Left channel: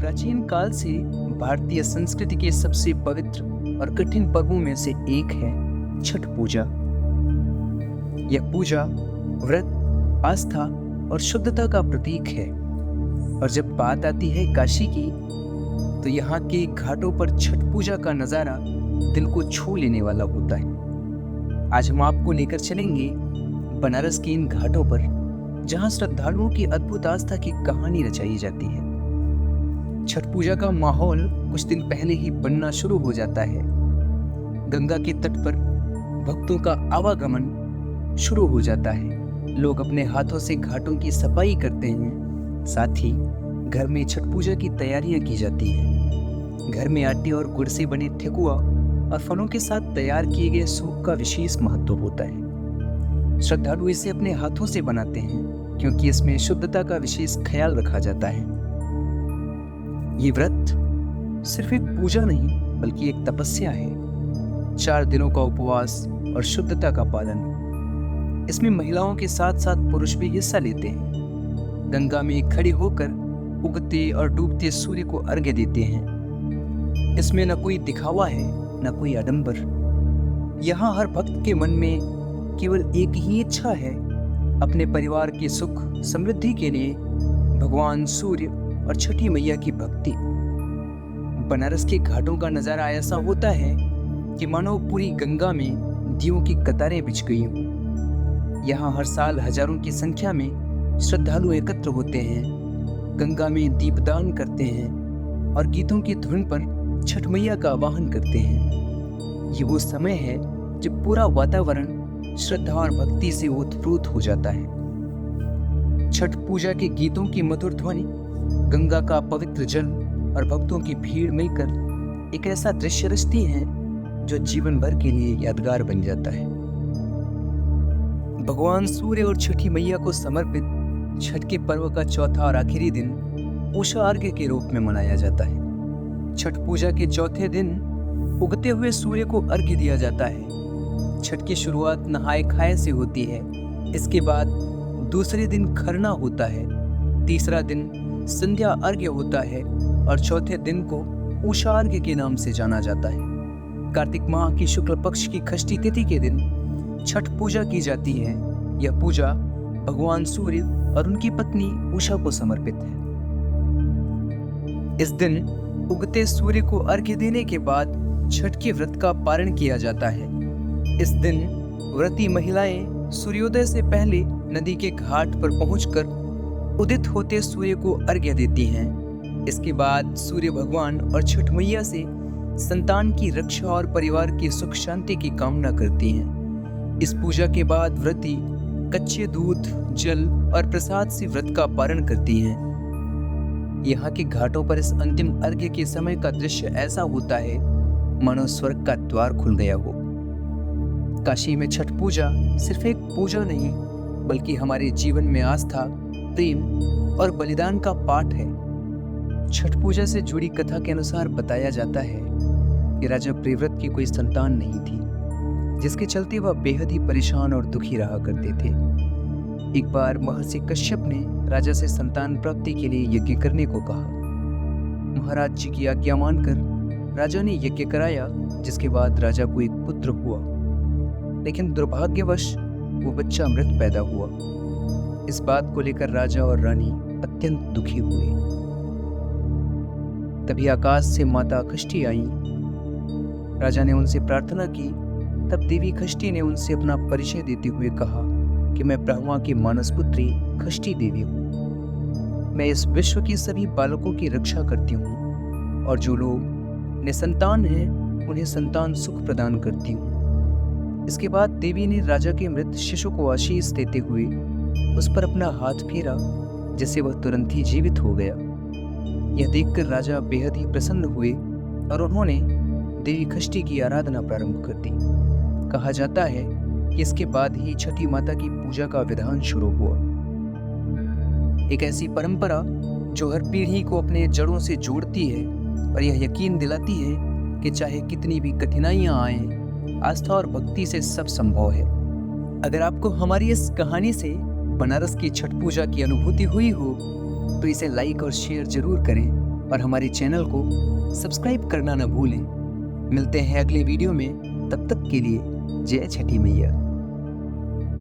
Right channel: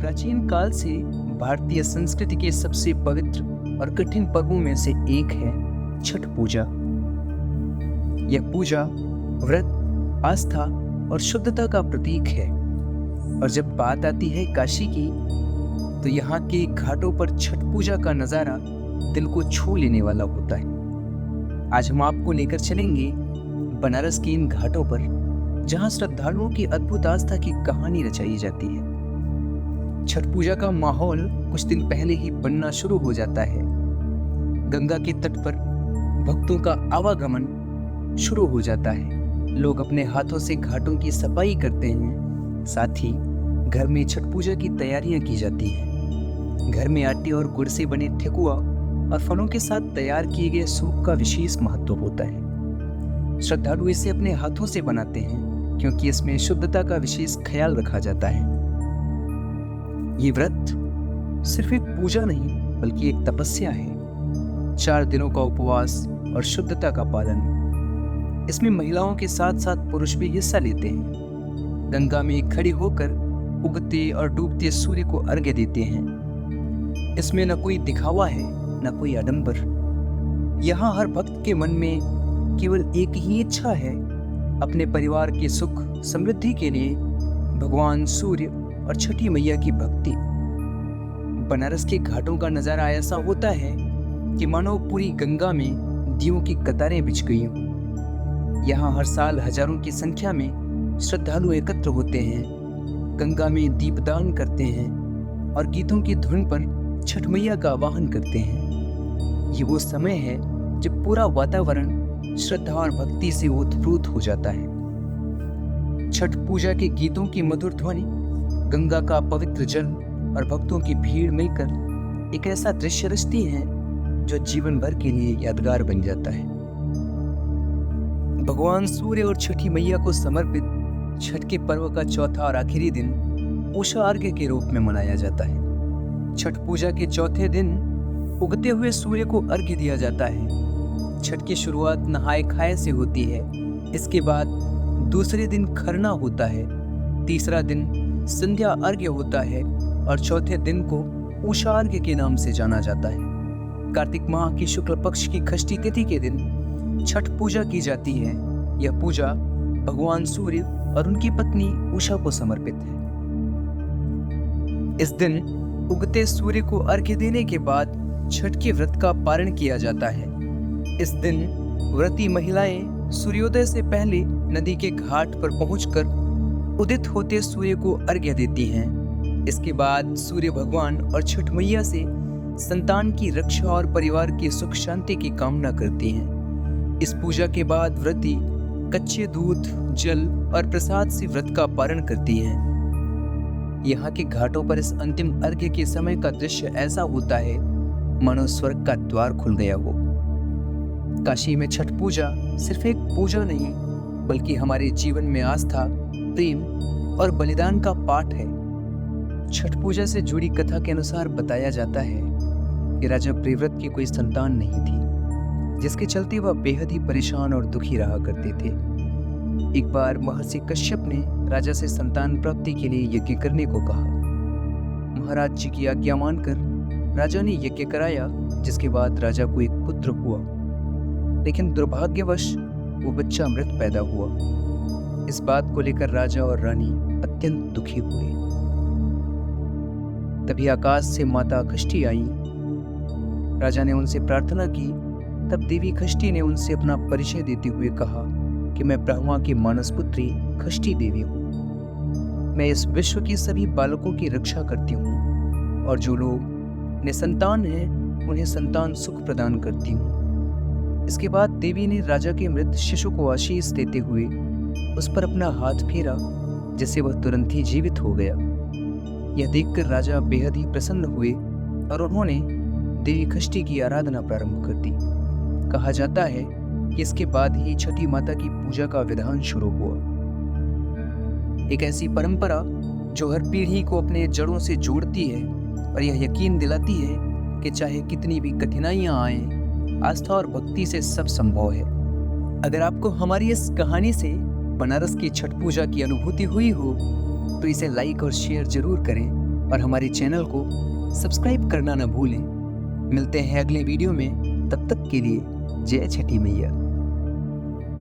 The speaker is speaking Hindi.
प्राचीन काल से भारतीय संस्कृति के सबसे पवित्र और कठिन पर्वों में से एक है छठ पूजा। यह पूजा व्रत, आस्था और शुद्धता का प्रतीक है। और जब बात आती है काशी की, तो यहाँ के घाटों पर छठ पूजा का नजारा दिल को छू लेने वाला होता है। आज हम आपको लेकर चलेंगे बनारस के इन घाटों पर, जहाँ श्रद्धालुओं की अद्भुत आस्था की कहानी रचाई जाती है। छठ पूजा का माहौल कुछ दिन पहले ही बनना शुरू हो जाता है। गंगा के तट पर भक्तों का आवागमन शुरू हो जाता है। लोग अपने हाथों से घाटों की सफाई करते हैं। साथ ही घर में छठ पूजा की तैयारियां की जाती हैं। घर में आटे और गुड़ से बने ठेकुआ और फलों के साथ तैयार किए गए सूप का विशेष महत्व होता है। श्रद्धालु इसे अपने हाथों से बनाते हैं क्योंकि इसमें शुद्धता का विशेष ख्याल रखा जाता है। ये व्रत सिर्फ एक पूजा नहीं बल्कि एक तपस्या है। 4 दिनों का उपवास और शुद्धता का पालन। इसमें महिलाओं के साथ साथ पुरुष भी हिस्सा लेते हैं। गंगा में खड़े होकर उगते और डूबते सूर्य को अर्घ्य देते हैं। इसमें न कोई दिखावा है न कोई आडंबर। यहाँ हर भक्त के मन में केवल एक ही इच्छा है, अपने परिवार के सुख समृद्धि के लिए भगवान सूर्य और छठी मैया की भक्ति। बनारस के घाटों का नजारा ऐसा होता है कि मानो पूरी गंगा में दीयों की कतारें बिछ गई हों। यहाँ हर साल हजारों की संख्या में श्रद्धालु एकत्र होते हैं, गंगा में दीपदान करते हैं और गीतों की धुन पर छठ मैया का आवाहन करते हैं। ये वो समय है जब पूरा वातावरण श्रद्धा और भक्ति से ओतप्रोत हो जाता है। छठ पूजा के गीतों की मधुर ध्वनि, गंगा का पवित्र जल और भक्तों की भीड़ मिलकर एक ऐसा दृश्य रचती है जो जीवन भर के लिए यादगार बन जाता है। भगवान सूर्य और छठी मैया को समर्पित छठ के पर्व का चौथा और आखिरी दिन उषा अर्घ्य के रूप में मनाया जाता है। छठ पूजा के चौथे दिन उगते हुए सूर्य को अर्घ्य दिया जाता है। छठ की शुरुआत नहाए खाए से होती है। इसके बाद दूसरे दिन खरना होता है, तीसरा दिन संध्या अर्घ्य होता है और चौथे दिन को उषा अर्घ्य के नाम से जाना जाता है। कार्तिक माह की शुक्ल पक्ष की षष्ठी तिथि के दिन छठ पूजा की जाती है। यह पूजा भगवान सूर्य और उनकी पत्नी उषा को समर्पित है। इस दिन उगते सूर्य को अर्घ्य देने के बाद छठ के व्रत का पारण किया जाता है। इस दिन व्रती महिलाएं सूर्योदय से पहले नदी के घाट पर पहुंचकर उदित होते सूर्य को अर्घ्य देती हैं। इसके बाद सूर्य भगवान और छठ मैया से संतान की रक्षा और परिवार की सुख शांति की कामना करती हैं। इस पूजा के बाद व्रती कच्चे दूध, जल और प्रसाद से व्रत का पारण करती हैं। यहाँ के घाटों पर इस अंतिम अर्घ्य के समय का दृश्य ऐसा होता है मानो स्वर्ग का द्वार खुल गया हो। काशी में छठ पूजा सिर्फ एक पूजा नहीं बल्कि हमारे जीवन में आस्था, प्रेम और बलिदान का पाठ है। छठ पूजा से जुड़ी कथा के अनुसार बताया जाता है कि राजा प्रियव्रत की कोई संतान नहीं थी, जिसके चलते वह बेहद ही परेशान और दुखी रहा करते थे। एक बार महर्षि कश्यप ने राजा से संतान प्राप्ति के लिए यज्ञ करने को कहा। महाराज जी की आज्ञा मानकर राजा ने यज्ञ कराया, जिसके बाद राजा को एक पुत्र हुआ, लेकिन दुर्भाग्यवश वो बच्चा मृत पैदा हुआ। इस बात को लेकर राजा और रानी अत्यंत दुखी हुए। तभी आकाश से माता खष्टी आई। राजा ने उनसे प्रार्थना की। तब देवी खष्टी ने उनसे अपना परिचय देते हुए कहा कि मैं ब्रह्मा की मानस पुत्री खष्टी देवी हूँ। मैं इस विश्व के सभी बालकों की रक्षा करती हूँ और जो लोग निसंतान हैं उन्हें संतान सुख प्रदान करती हूँ। इसके बाद देवी ने राजा के मृत शिशु को आशीष देते हुए उस पर अपना हाथ फेरा, जिससे वह तुरंत ही जीवित हो गया। यह देखकर राजा बेहद ही प्रसन्न हुए और उन्होंने देवी खष्टी की आराधना प्रारंभ कर दी। कहा जाता है कि इसके बाद ही छठी माता की पूजा का विधान शुरू हुआ। एक ऐसी परंपरा जो हर पीढ़ी को अपने जड़ों से जोड़ती है और यह यकीन दिलाती है कि चाहे कितनी भी कठिनाइयां आएं, आस्था और भक्ति से सब संभव है। अगर आपको हमारी इस कहानी से बनारस की छठ पूजा की अनुभूति हुई हो तो इसे लाइक और शेयर जरूर करें और हमारे चैनल को सब्सक्राइब करना न भूलें। मिलते हैं अगले वीडियो में, तब तक के लिए जय छठी मैया।